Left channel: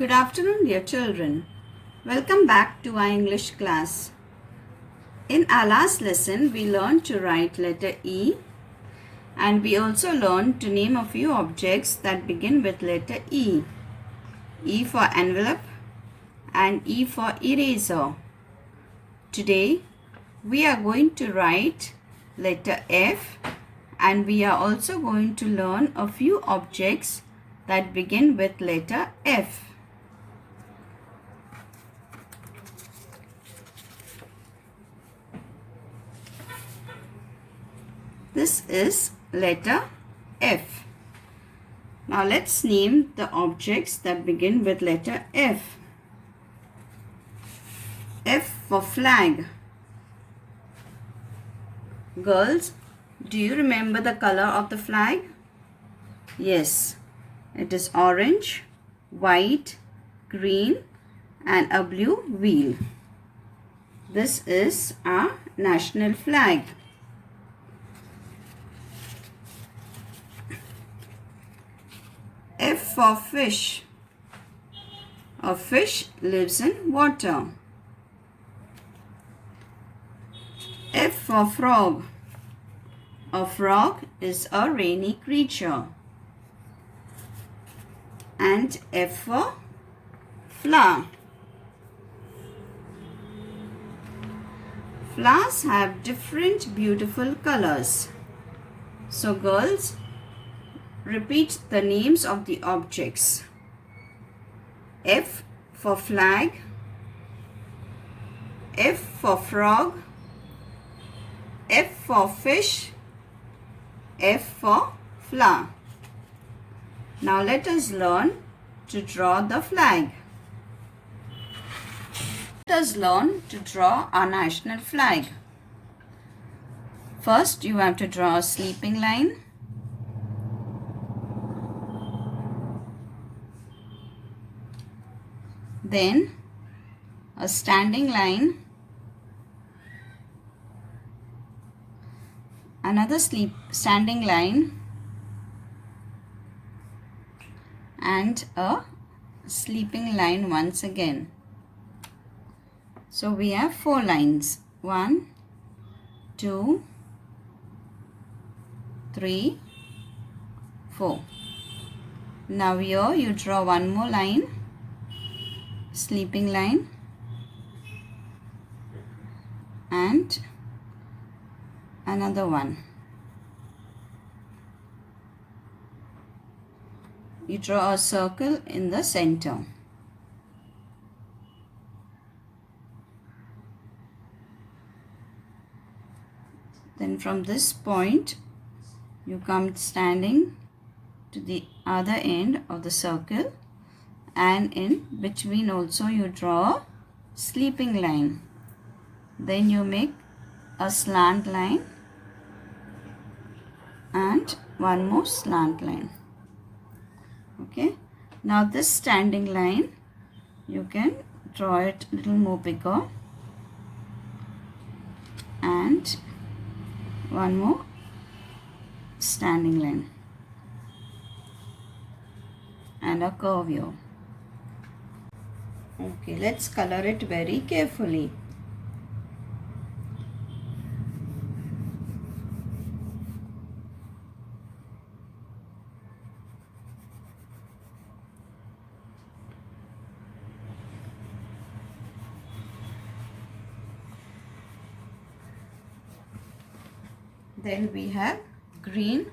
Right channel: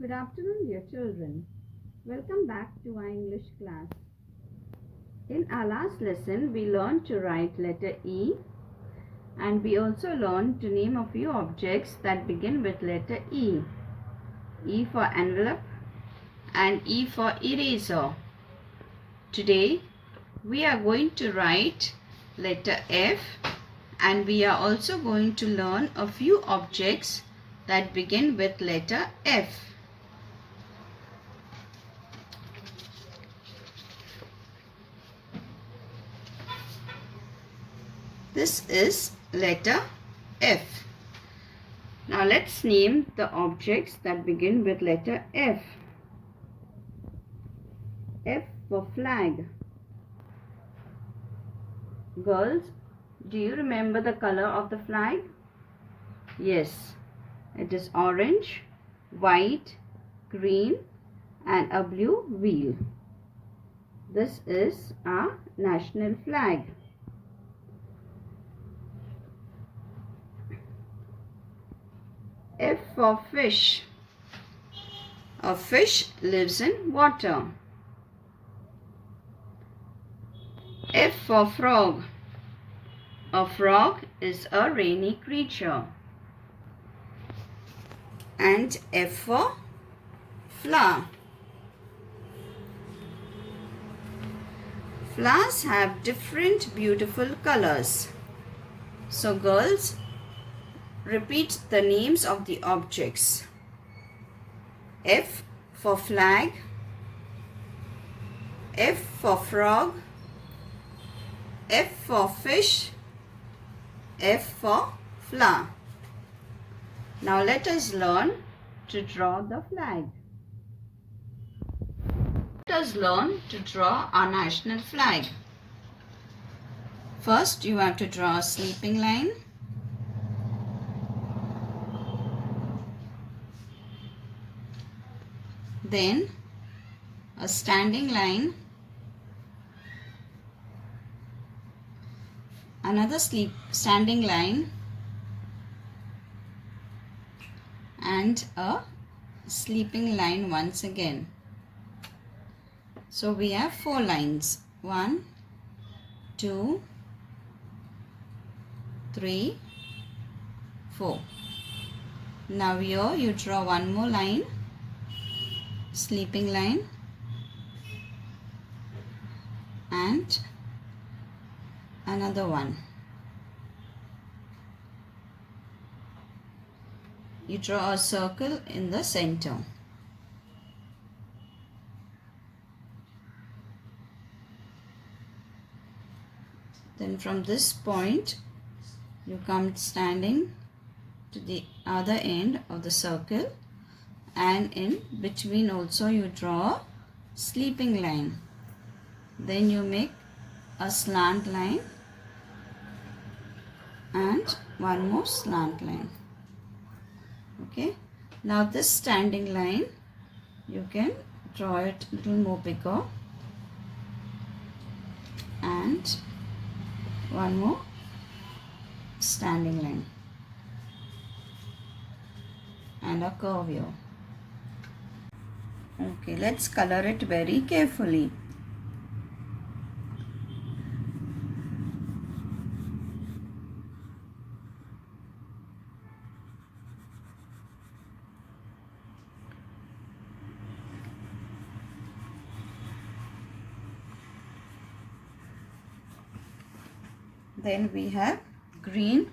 Good afternoon, dear children. Welcome back to our English class. In our last lesson, we learned to write letter E, and we also learned to name a few objects that begin with letter E. E for envelope and E for eraser. Today, we are going to write letter F, and we are also going to learn a few objects that begin with letter F. This is letter F. Now let's name the objects that begin with letter F. F for flag. Girls, do you remember the color of the flag? Yes, it is orange, white, green and a blue wheel. This is our national flag. F for fish. A fish lives in water. F for frog. A frog is a rainy creature. And F for flower. Flowers have different beautiful colors. So girls, repeat the names of the objects. F for flag, F for frog, F for fish, F for flower. Now let us learn to draw the flag. Let us learn to draw our national flag. First, you have to draw a sleeping line. Then a standing line, another standing line and a sleeping line once again. So we have 4 lines. 1, 2, 3, 4. Now here you draw one more line, sleeping line and another one. You draw a circle in the center. Then from this point you come standing to the other end of the circle, and in between also you draw a sleeping line. Then you make a slant line and one more slant line. Okay, now this standing line you can draw it a little more bigger and one more standing line and a curve here. Okay, let's color it very carefully. Then we have green,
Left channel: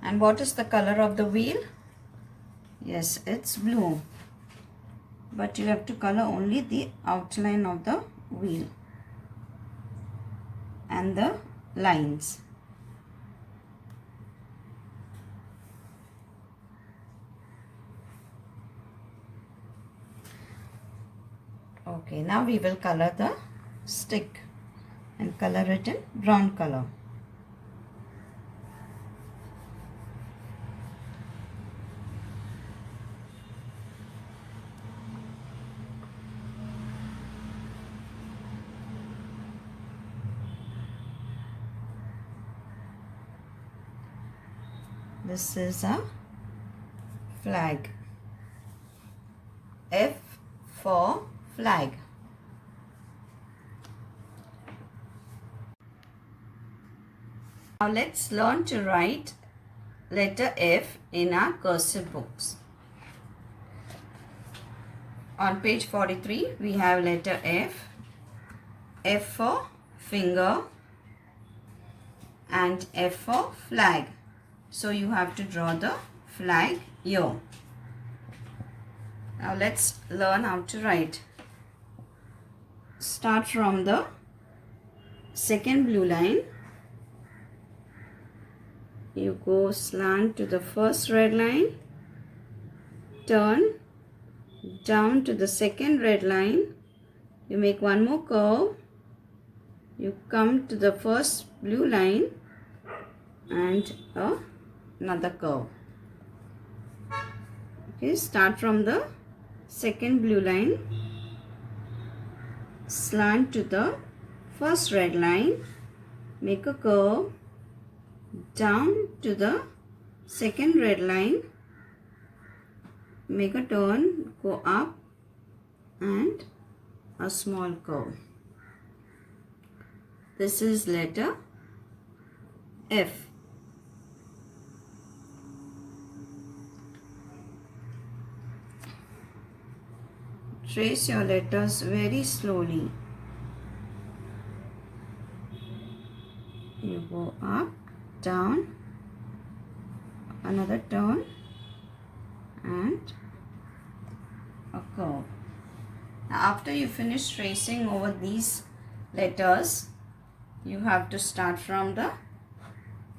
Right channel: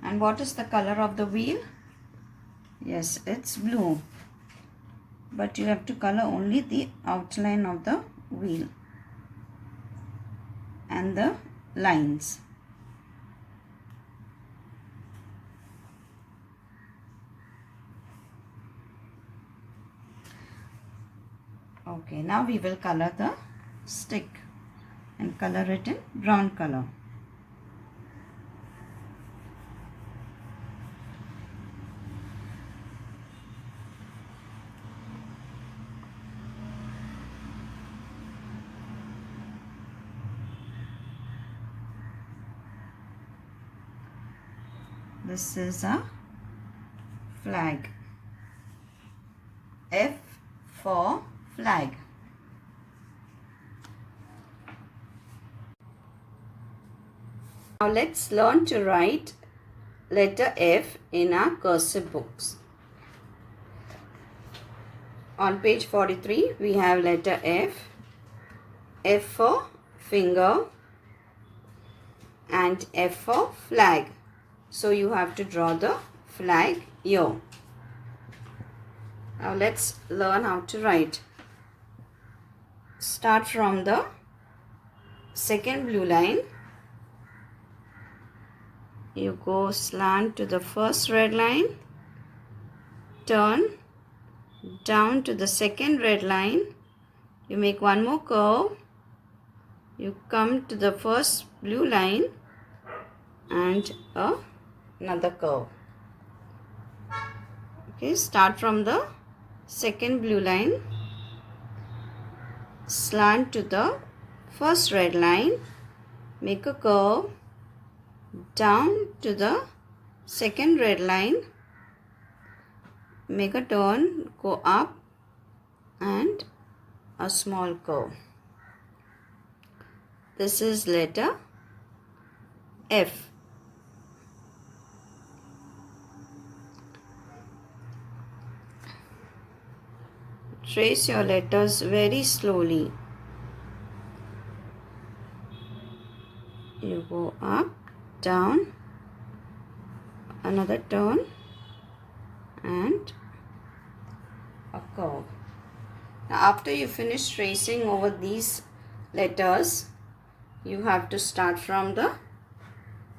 and what is the color of the wheel? Yes, it's blue, but you have to color only the outline of the wheel and the lines. Okay, now we will color the stick and color it in brown color. This is a flag. F for flag. Now let's learn to write letter F in our cursive books. On page 43 we have letter F. F for finger and F for flag. So you have to draw the flag here. Now let's learn how to write. Start from the second blue line. You go slant to the first red line. Turn down to the second red line. You make one more curve. You come to the first blue line and another curve. Okay, start from the second blue line, slant to the first red line, make a curve, down to the second red line, make a turn, go up and a small curve. This is letter F. Trace your letters very slowly. You go up, down, another turn and a curve. Now after you finish tracing over these letters, you have to start from the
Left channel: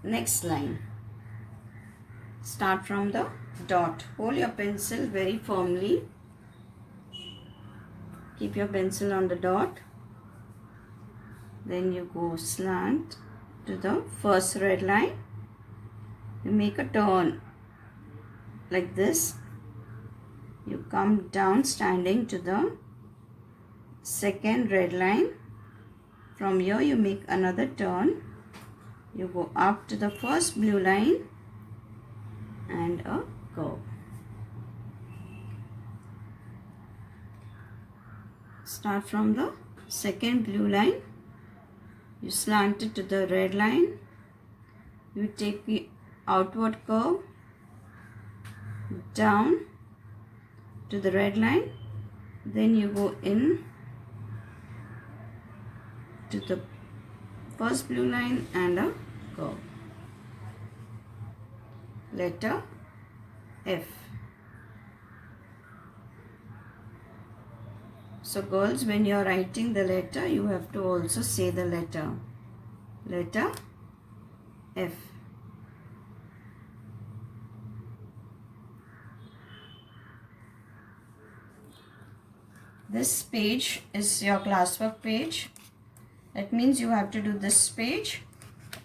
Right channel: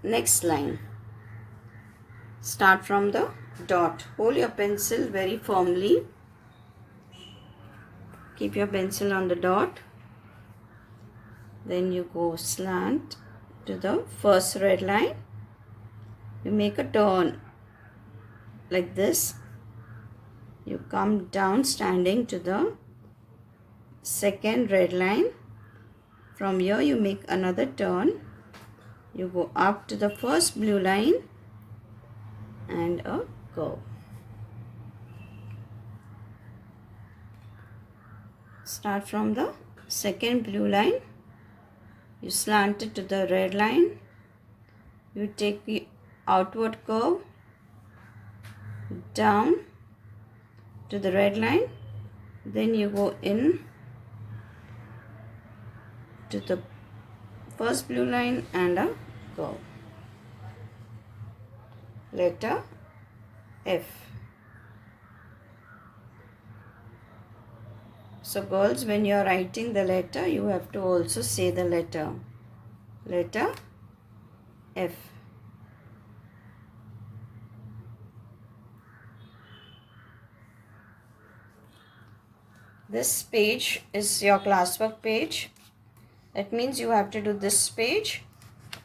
next line. Start from the dot. Hold your pencil very firmly. Keep your pencil on the dot. Then you go slant to the first red line. You make a turn like this. You come down standing to the second red line. From here you make another turn. You go up to the first blue line and a curve. Start from the second blue line. You slant it to the red line. You take the outward curve down to the red line. Then you go in to the first blue line and a curve. Letter F. So girls, when you are writing the letter, you have to also say the letter. Letter F. This page is your classwork page. That means you have to do this page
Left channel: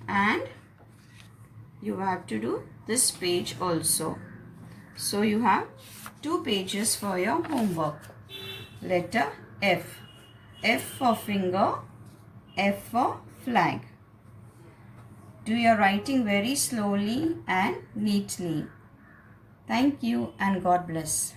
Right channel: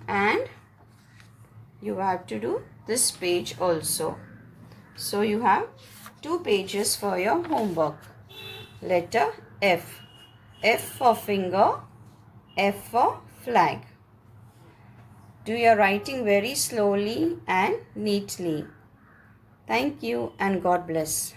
and you have to do this page also. So you have 2 pages for your homework. Letter F. F for finger, F for flag. Do your writing very slowly and neatly. Thank you and God bless.